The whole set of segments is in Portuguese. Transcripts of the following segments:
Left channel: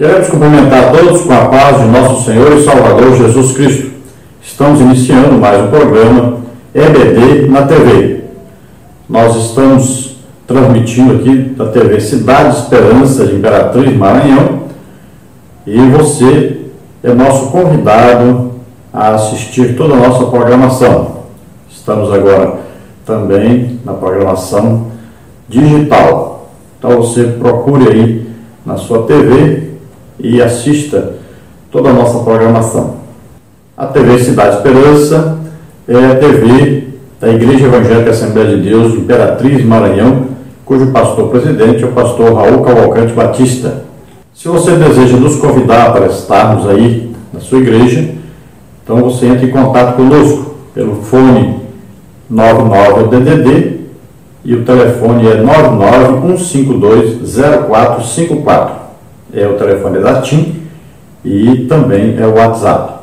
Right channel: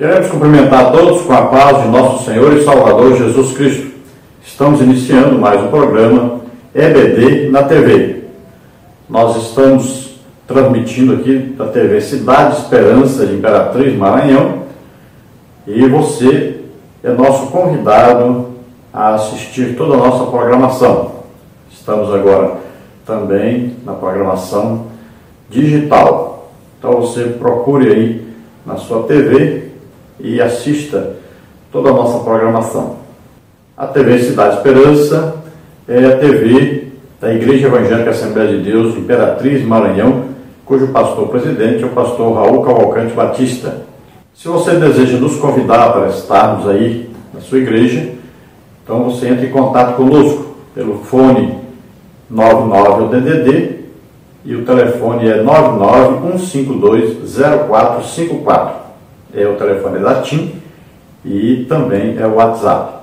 Queremos cumprimentar todos com a paz de nosso Senhor e Salvador Jesus Cristo. Estamos iniciando mais um programa EBD na TV. Nós estamos transmitindo aqui da TV Cidade Esperança de Imperatriz, Maranhão, e você é nosso convidado a assistir toda a nossa programação. Estamos agora também na programação digital. Então você procure aí na sua TV e assista toda a nossa programação. A TV Cidade Esperança é a TV da Igreja Evangélica Assembleia de Deus de Imperatriz, Maranhão, cujo pastor-presidente é o pastor Raul Cavalcante Batista. Se você deseja nos convidar para estarmos aí na sua igreja, então você entra em contato conosco pelo fone 99DDD e o telefone é 991520454. É o telefone da TIM e também é o WhatsApp.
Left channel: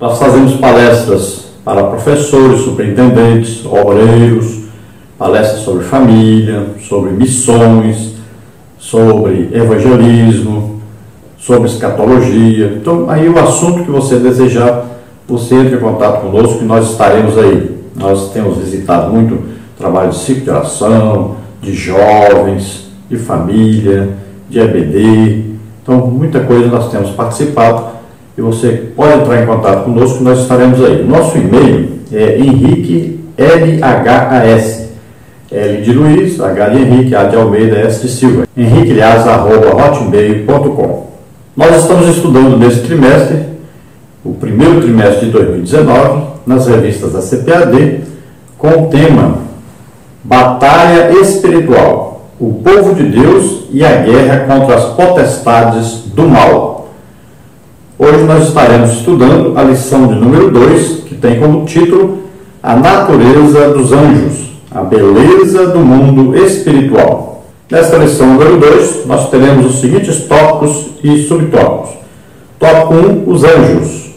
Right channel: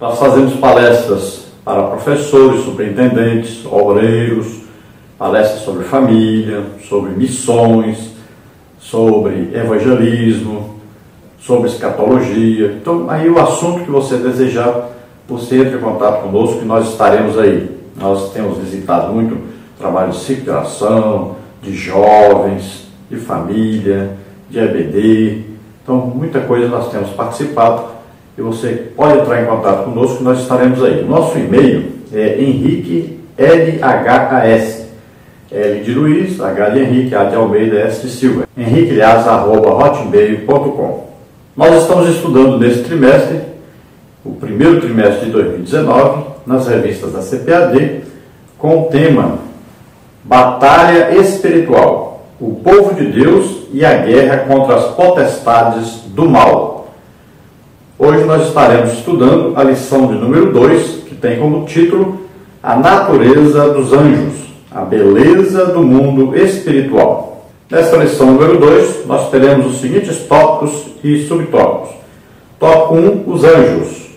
Nós fazemos palestras para professores, superintendentes, obreiros, palestras sobre família, sobre missões, sobre evangelismo, sobre escatologia. Então, aí o assunto que você desejar, você entra em contato conosco que nós estaremos aí. Nós temos visitado muito trabalho de ciclo de oração, de jovens, de família, de EBD. Então, muita coisa nós temos participado e você pode entrar em contato conosco que nós estaremos aí. Nosso e-mail é Henrique LHAS, L de Luiz, H de Henrique, A de Almeida, S de Silva, henriquelias@hotmail.com. Nós estamos estudando nesse trimestre, o primeiro trimestre de 2019, nas revistas da CPAD, com o tema Batalha Espiritual, o povo de Deus e a guerra contra as potestades do mal. Hoje nós estaremos estudando a lição de número 2, que tem como título A Natureza dos Anjos, a beleza do mundo espiritual. Nesta lição número 2, nós teremos os seguintes tópicos e subtópicos. Tópico 1, os anjos.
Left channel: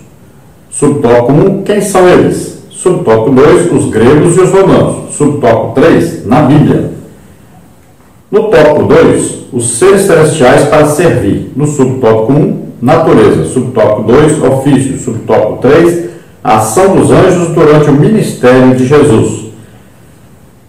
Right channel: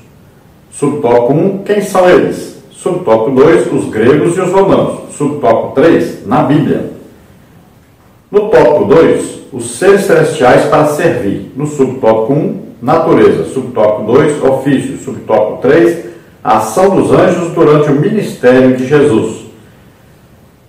Subtópico 1, quem são eles? Subtópico 2, os gregos e os romanos. Subtópico 3, na Bíblia. No tópico 2, os seres celestiais para servir. No subtópico 1, natureza. Subtópico 2, ofício. Subtópico 3, a ação dos anjos durante o ministério de Jesus.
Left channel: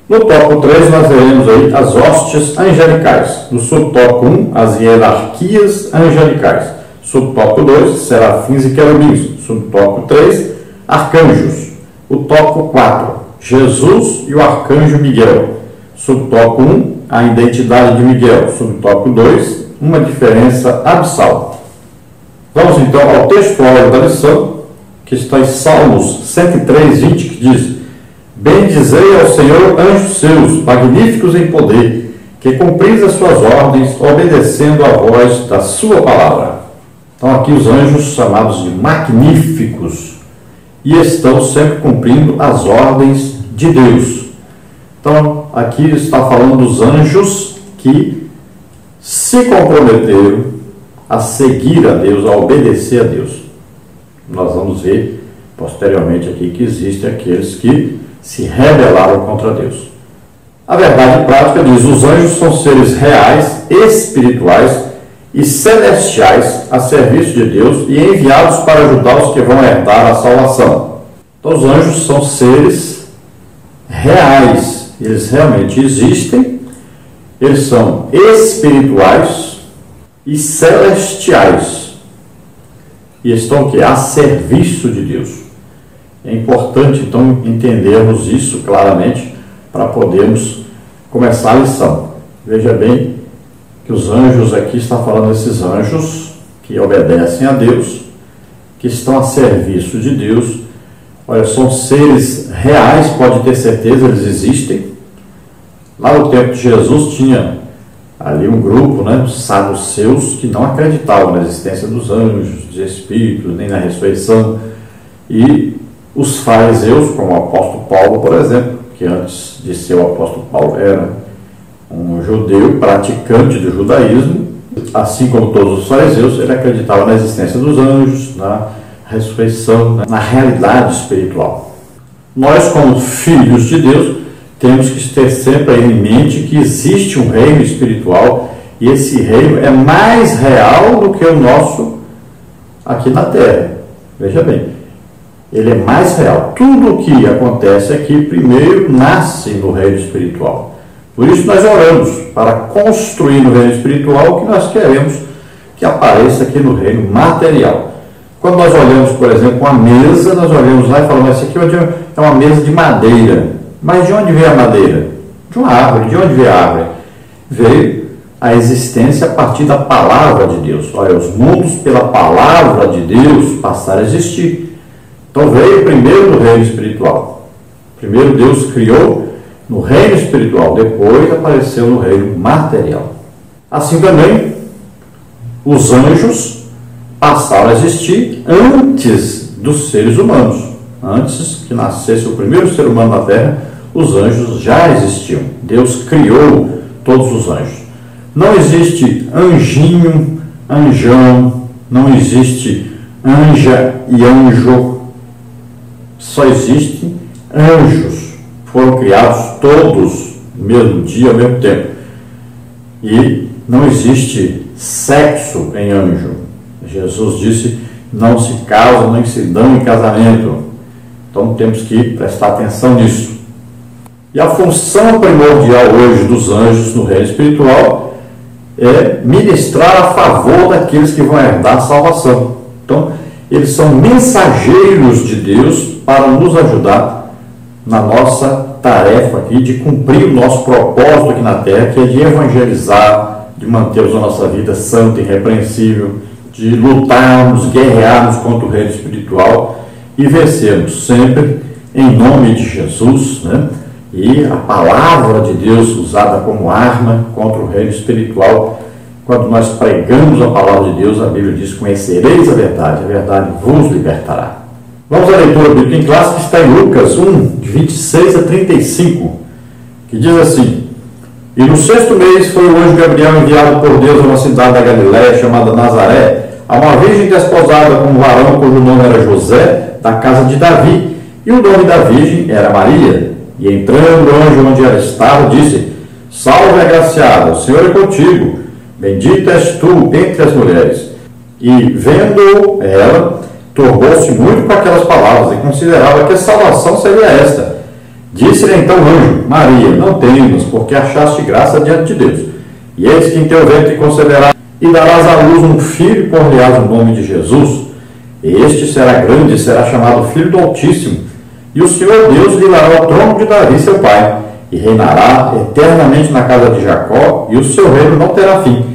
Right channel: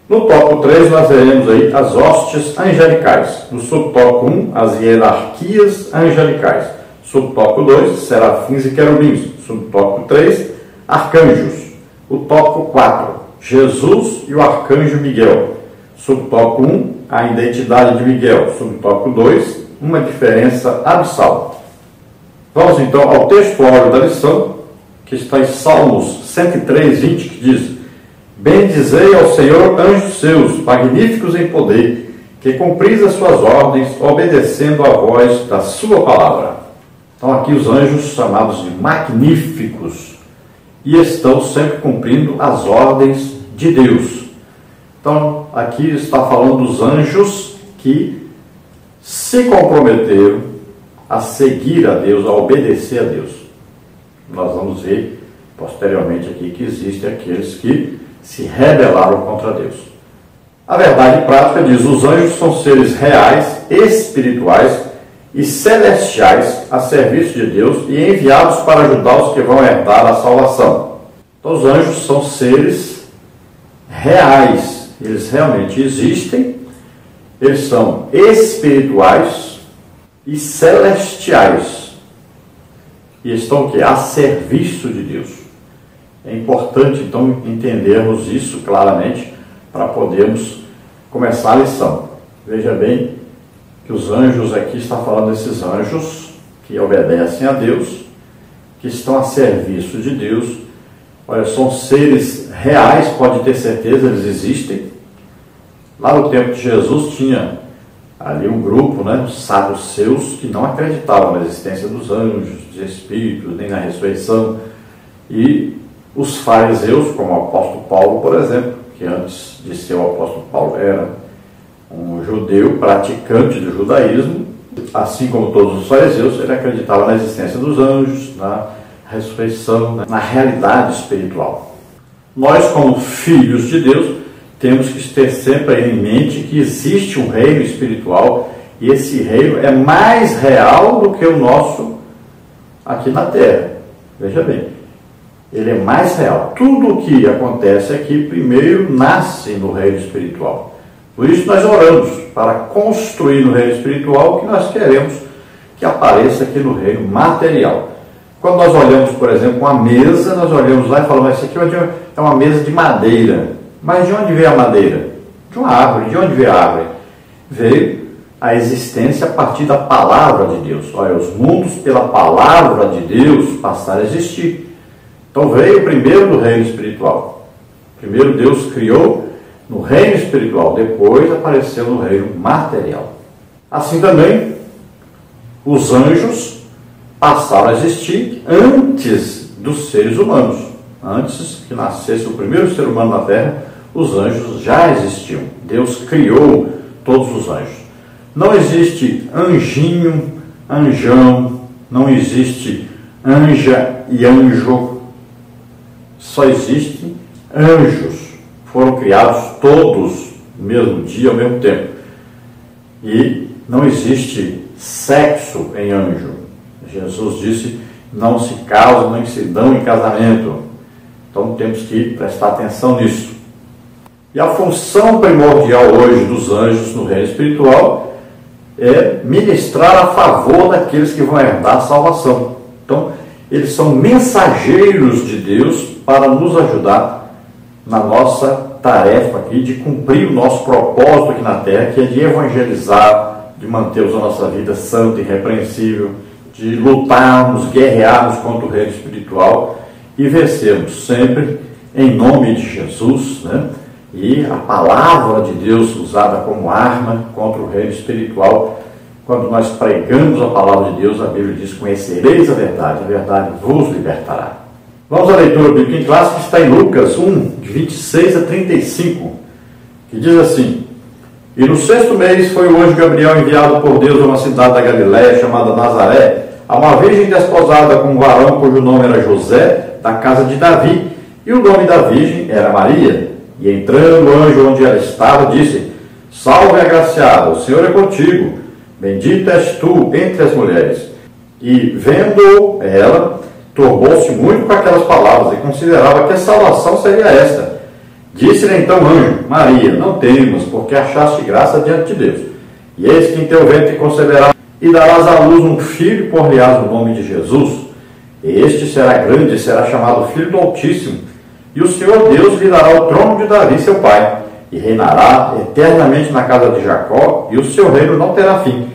No tópico 3, nós veremos aí as hostes angelicais. No subtópico 1, as hierarquias angelicais. Subtópico 2, serafins e querubins. Subtópico 3, arcanjos. O tópico 4, Jesus e o arcanjo Miguel. Subtópico 1, a identidade de Miguel. Subtópico 2, uma diferença abissal. Vamos então ao texto áureo da lição, que está em Salmos 103:20, que diz: Bendizei ao Senhor anjos seus, magníficos em poder, que cumpris as suas ordens, obedecendo à voz da sua palavra. Então aqui os anjos chamados de magníficos, e estão sempre cumprindo as ordens de Deus. Então, aqui está falando dos anjos que se comprometeram a seguir a Deus, a obedecer a Deus. Nós vamos ver posteriormente aqui que existem aqueles que se rebelaram contra Deus. A verdade prática diz: os anjos são seres reais, espirituais e celestiais a serviço de Deus e enviados para ajudar os que vão herdar a salvação. Então, os anjos são seres reais. Eles realmente existem, eles são espirituais e celestiais, e estão aqui a serviço de Deus. É importante, então, entendermos isso claramente para podermos começar a lição. Veja bem que os anjos, aqui está falando desses anjos que obedecem a Deus, que estão a serviço de Deus. Olha, são seres reais, pode ter certeza, eles existem. Lá no tempo de Jesus tinha ali um grupo, os saduceus, que não acreditavam na existência dos anjos, dos espíritos, nem na ressurreição. E os fariseus, como o apóstolo Paulo, por exemplo, que antes de ser o apóstolo Paulo era um judeu praticante do judaísmo, assim como todos os fariseus, ele acreditava na existência dos anjos, na ressurreição, na realidade espiritual. Nós, como filhos de Deus, temos que ter sempre em mente que existe um reino espiritual E esse reino é mais real do que o nosso aqui na terra. Veja bem, ele é mais real. Tudo o que acontece aqui primeiro nasce no reino espiritual. Por isso nós oramos para construir no reino espiritual o que nós queremos que apareça aqui no reino material. Quando nós olhamos, por exemplo, uma mesa, nós olhamos lá e falamos, essa aqui é uma mesa de madeira. Mas de onde veio a madeira? De uma árvore. De onde veio a árvore? Veio a existência a partir da palavra de Deus. Olha, os mundos pela palavra de Deus passaram a existir. Então veio primeiro no reino espiritual. Primeiro Deus criou no reino espiritual, depois apareceu no reino material. Assim também, os anjos passaram a existir antes dos seres humanos. Antes que nascesse o primeiro ser humano na Terra, os anjos já existiam. Deus criou todos os anjos. Não existe anjinho, anjão, não existe anja e anjo. Só existem anjos. Foram criados todos no mesmo dia, ao mesmo tempo. E não existe sexo em anjo. Jesus disse, não se casam nem se dão em casamento. Então temos que prestar atenção nisso. E a função primordial hoje dos anjos no reino espiritual é ministrar a favor daqueles que vão herdar a salvação. Então, eles são mensageiros de Deus para nos ajudar na nossa tarefa aqui de cumprir o nosso propósito aqui na Terra, que é de evangelizar, de mantermos a nossa vida santa e irrepreensível, de lutarmos, guerrearmos contra o reino espiritual e vencermos sempre em nome de Jesus, né? E a palavra de Deus usada como arma contra o reino espiritual. Quando nós pregamos a palavra de Deus, a Bíblia diz, conhecereis a verdade vos libertará. Vamos à leitura bíblica em classe, que está em Lucas 1, de 26 a 35, que diz assim: E no 6º mês foi o anjo Gabriel enviado por Deus a uma cidade da Galiléia chamada Nazaré, a uma virgem desposada com um varão cujo nome era José, da casa de Davi, e o nome da virgem era Maria. E entrando o anjo onde ela estava, disse: Salve, agraciada, o Senhor é contigo, bendita és tu entre as mulheres. E vendo ela, turbou-se muito com aquelas palavras e considerava que a salvação seria esta. Disse-lhe então o anjo: Maria, não temas, porque achaste graça diante de Deus. E eis que em teu ventre conceberás e darás à luz um filho, e por-lhe-ás o nome de Jesus. Este será grande e será chamado Filho do Altíssimo. E o Senhor Deus lhe dará o trono de Davi, seu pai, e reinará eternamente na casa de Jacó, e o seu reino não terá fim.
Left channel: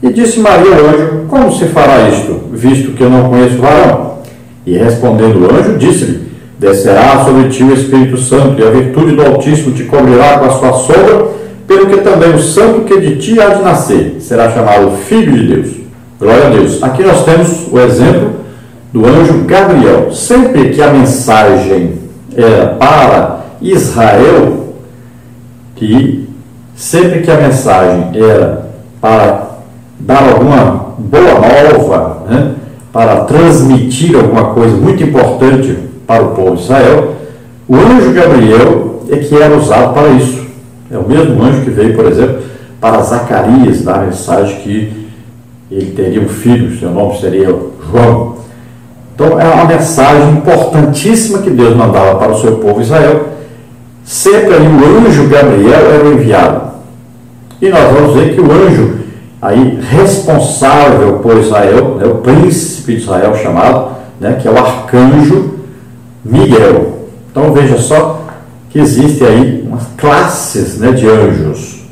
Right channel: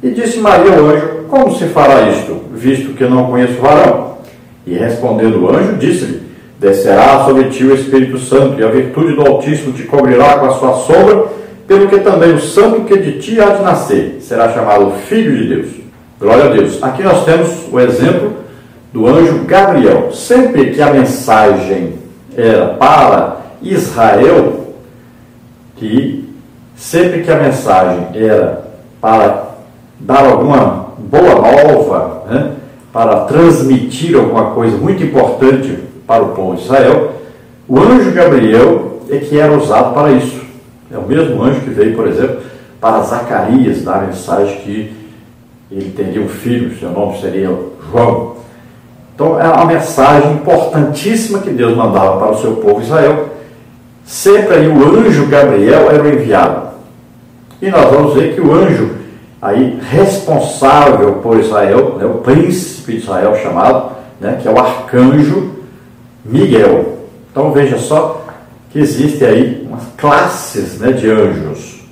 E disse Maria ao anjo: Como se fará isto, visto que eu não conheço varão? E respondendo o anjo, disse-lhe: Descerá sobre ti o Espírito Santo, e a virtude do Altíssimo te cobrirá com a sua sombra, pelo que também o santo que de ti há de nascer será chamado Filho de Deus. Glória a Deus. Aqui nós temos o exemplo do anjo Gabriel. Sempre que a mensagem era para Israel, sempre que a mensagem era para dar alguma boa nova, né, para transmitir alguma coisa muito importante para o povo de Israel, o anjo Gabriel é que era usado para isso. É o mesmo anjo que veio, por exemplo, para Zacarias, dar a mensagem que ele teria um filho, seu nome seria João. Então é uma mensagem importantíssima que Deus mandava para o seu povo Israel. Sempre aí o anjo Gabriel era o enviado. E nós vamos ver que o anjo aí responsável por Israel, né, o príncipe de Israel chamado, né, que é o arcanjo Miguel. Então veja só que existem aí umas classes, né, de anjos.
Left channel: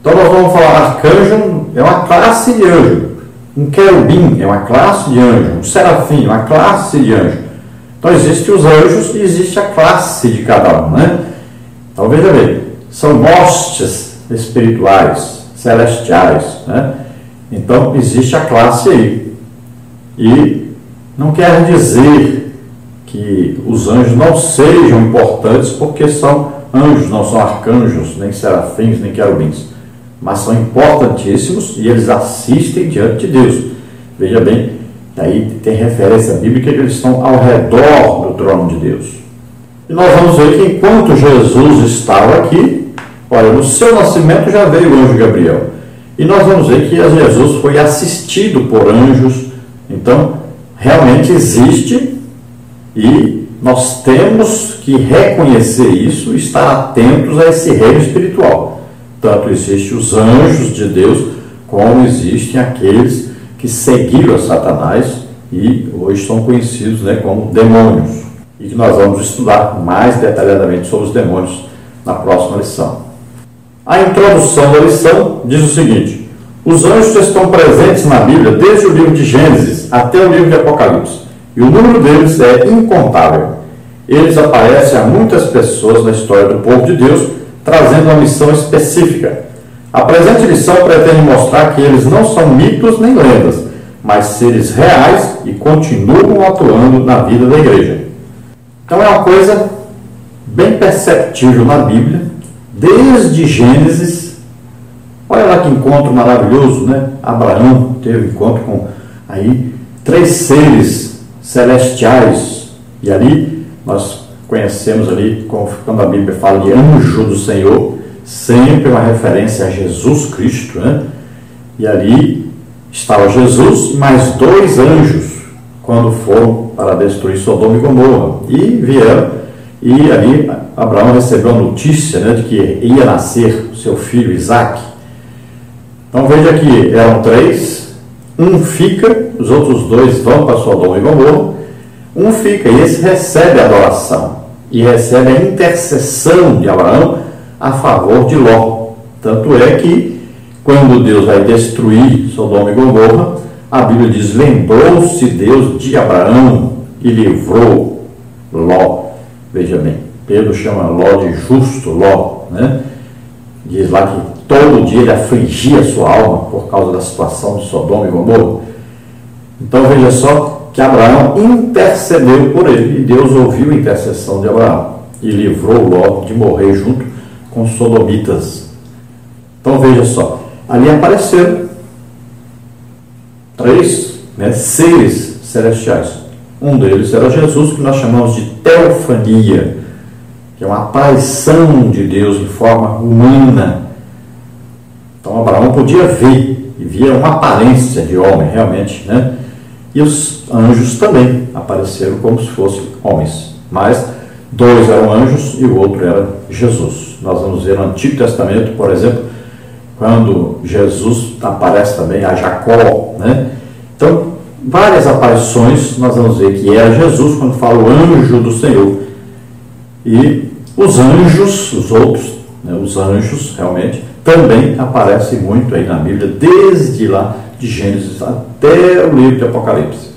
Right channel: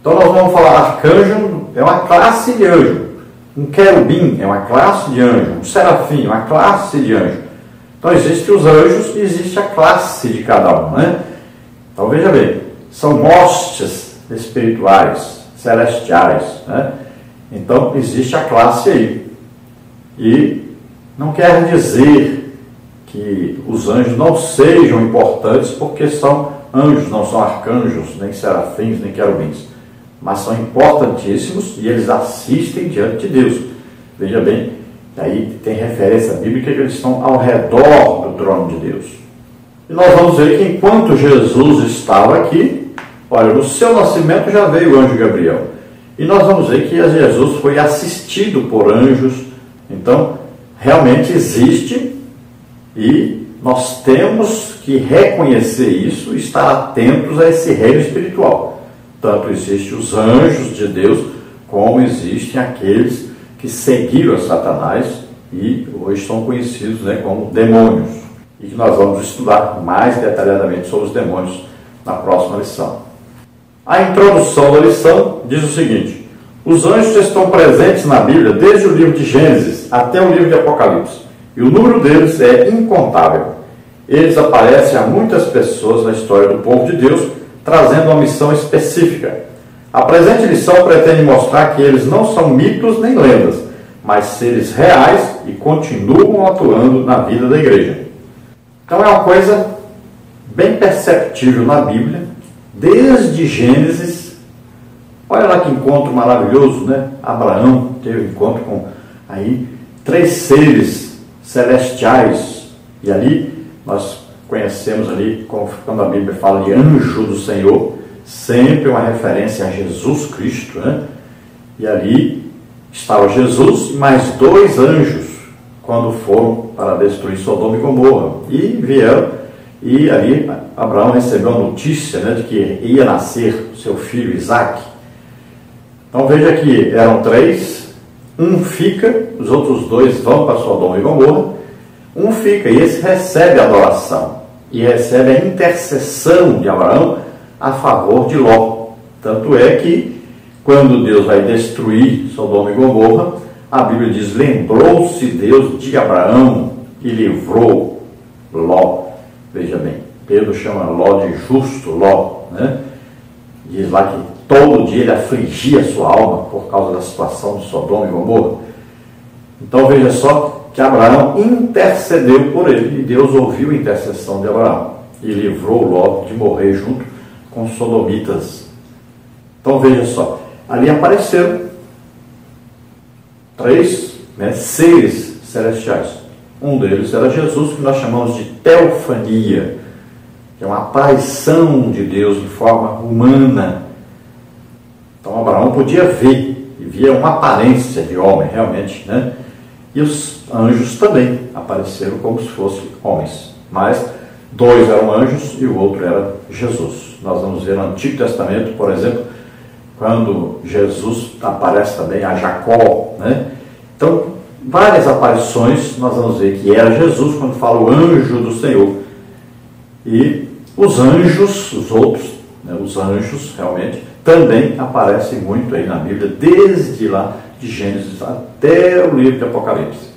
Então nós vamos falar, arcanjo é uma classe de anjo. Um querubim é uma classe de anjo. Um serafim é uma classe de anjo. Então existem os anjos e existe a classe de cada um, né? Então veja bem, são hostes espirituais, celestiais, né? Então existe a classe aí. E não quer dizer que os anjos não sejam importantes porque são anjos, não são arcanjos, nem serafins, nem querubins. Mas são importantíssimos e eles assistem diante de Deus. Veja bem, aí tem referência bíblica que eles estão ao redor do trono de Deus. E nós vamos ver que enquanto Jesus estava aqui, olha, no seu nascimento já veio o anjo Gabriel. E nós vamos ver que Jesus foi assistido por anjos. Então, realmente existe, e nós temos que reconhecer isso e estar atentos a esse reino espiritual. Tanto existem os anjos de Deus, como existem aqueles que seguiram a Satanás e hoje são conhecidos, né, como demônios. E que nós vamos estudar mais detalhadamente sobre os demônios na próxima lição. A introdução da lição diz o seguinte: os anjos estão presentes na Bíblia desde o livro de Gênesis até o livro de Apocalipse, e o número deles é incontável. Eles aparecem a muitas pessoas na história do povo de Deus, trazendo uma missão específica. A presente lição pretende mostrar que eles não são mitos nem lendas, mas seres reais e continuam atuando na vida da igreja. Então é uma coisa bem perceptível na Bíblia, desde Gênesis. Olha lá que encontro maravilhoso, né? Abraão teve um encontro com aí 3 seres celestiais, e ali nós conhecemos ali, quando a Bíblia fala de anjo do Senhor, sempre uma referência a Jesus Cristo, né? E ali estava Jesus e mais 2 anjos, quando foram para destruir Sodoma e Gomorra, e vieram, e ali Abraão recebeu a notícia, né, de que ia nascer o seu filho Isaque. Então veja que eram 3, um fica, os outros 2 vão para Sodoma e Gomorra, um fica, e esse recebe a adoração, e recebe a intercessão de Abraão a favor de Ló. Tanto é que, quando Deus vai destruir Sodoma e Gomorra, a Bíblia diz: lembrou-se Deus de Abraão e livrou Ló. Veja bem, Pedro chama Ló de justo Ló, né? Diz lá que todo dia ele afligia a sua alma por causa da situação de Sodoma e Gomorra. Então veja só que Abraão intercedeu por ele, e Deus ouviu a intercessão de Abraão e livrou Ló de morrer junto com os sodomitas. Então veja só, ali apareceram 3, né, seres celestiais. Um deles era Jesus, que nós chamamos de teofania, que é uma aparição de Deus em forma humana. Então Abraão podia ver, e via uma aparência de homem realmente, né? E os anjos também apareceram como se fossem homens, mas 2 eram anjos e o outro era Jesus. Nós vamos ver no Antigo Testamento, por exemplo, quando Jesus aparece também a Jacó, né? Então, várias aparições, nós vamos ver que era Jesus quando fala o anjo do Senhor. E os anjos, os outros, né, os anjos realmente também aparecem muito aí na Bíblia, desde lá de Gênesis até o livro de Apocalipse.